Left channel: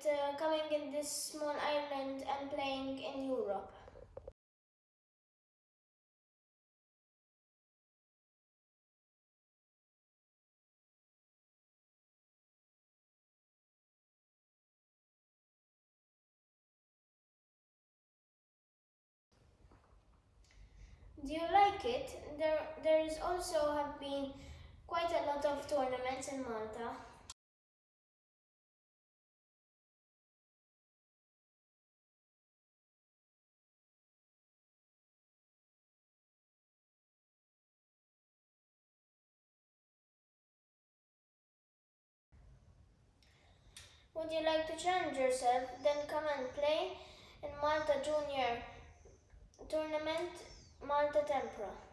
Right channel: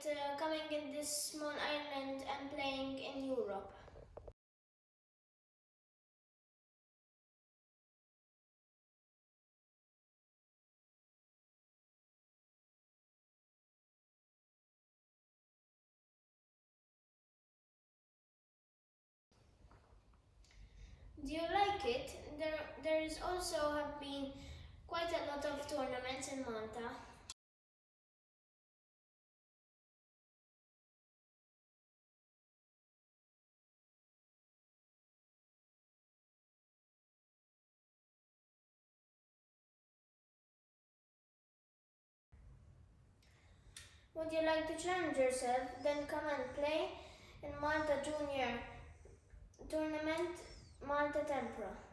it coming in this small island and playing in Europe? Do you like it? There is also have been quite a lot of tournaments in Malta. Would you like to challenge yourself? Then come and play in Malta Junior Tournament Malta Tempra.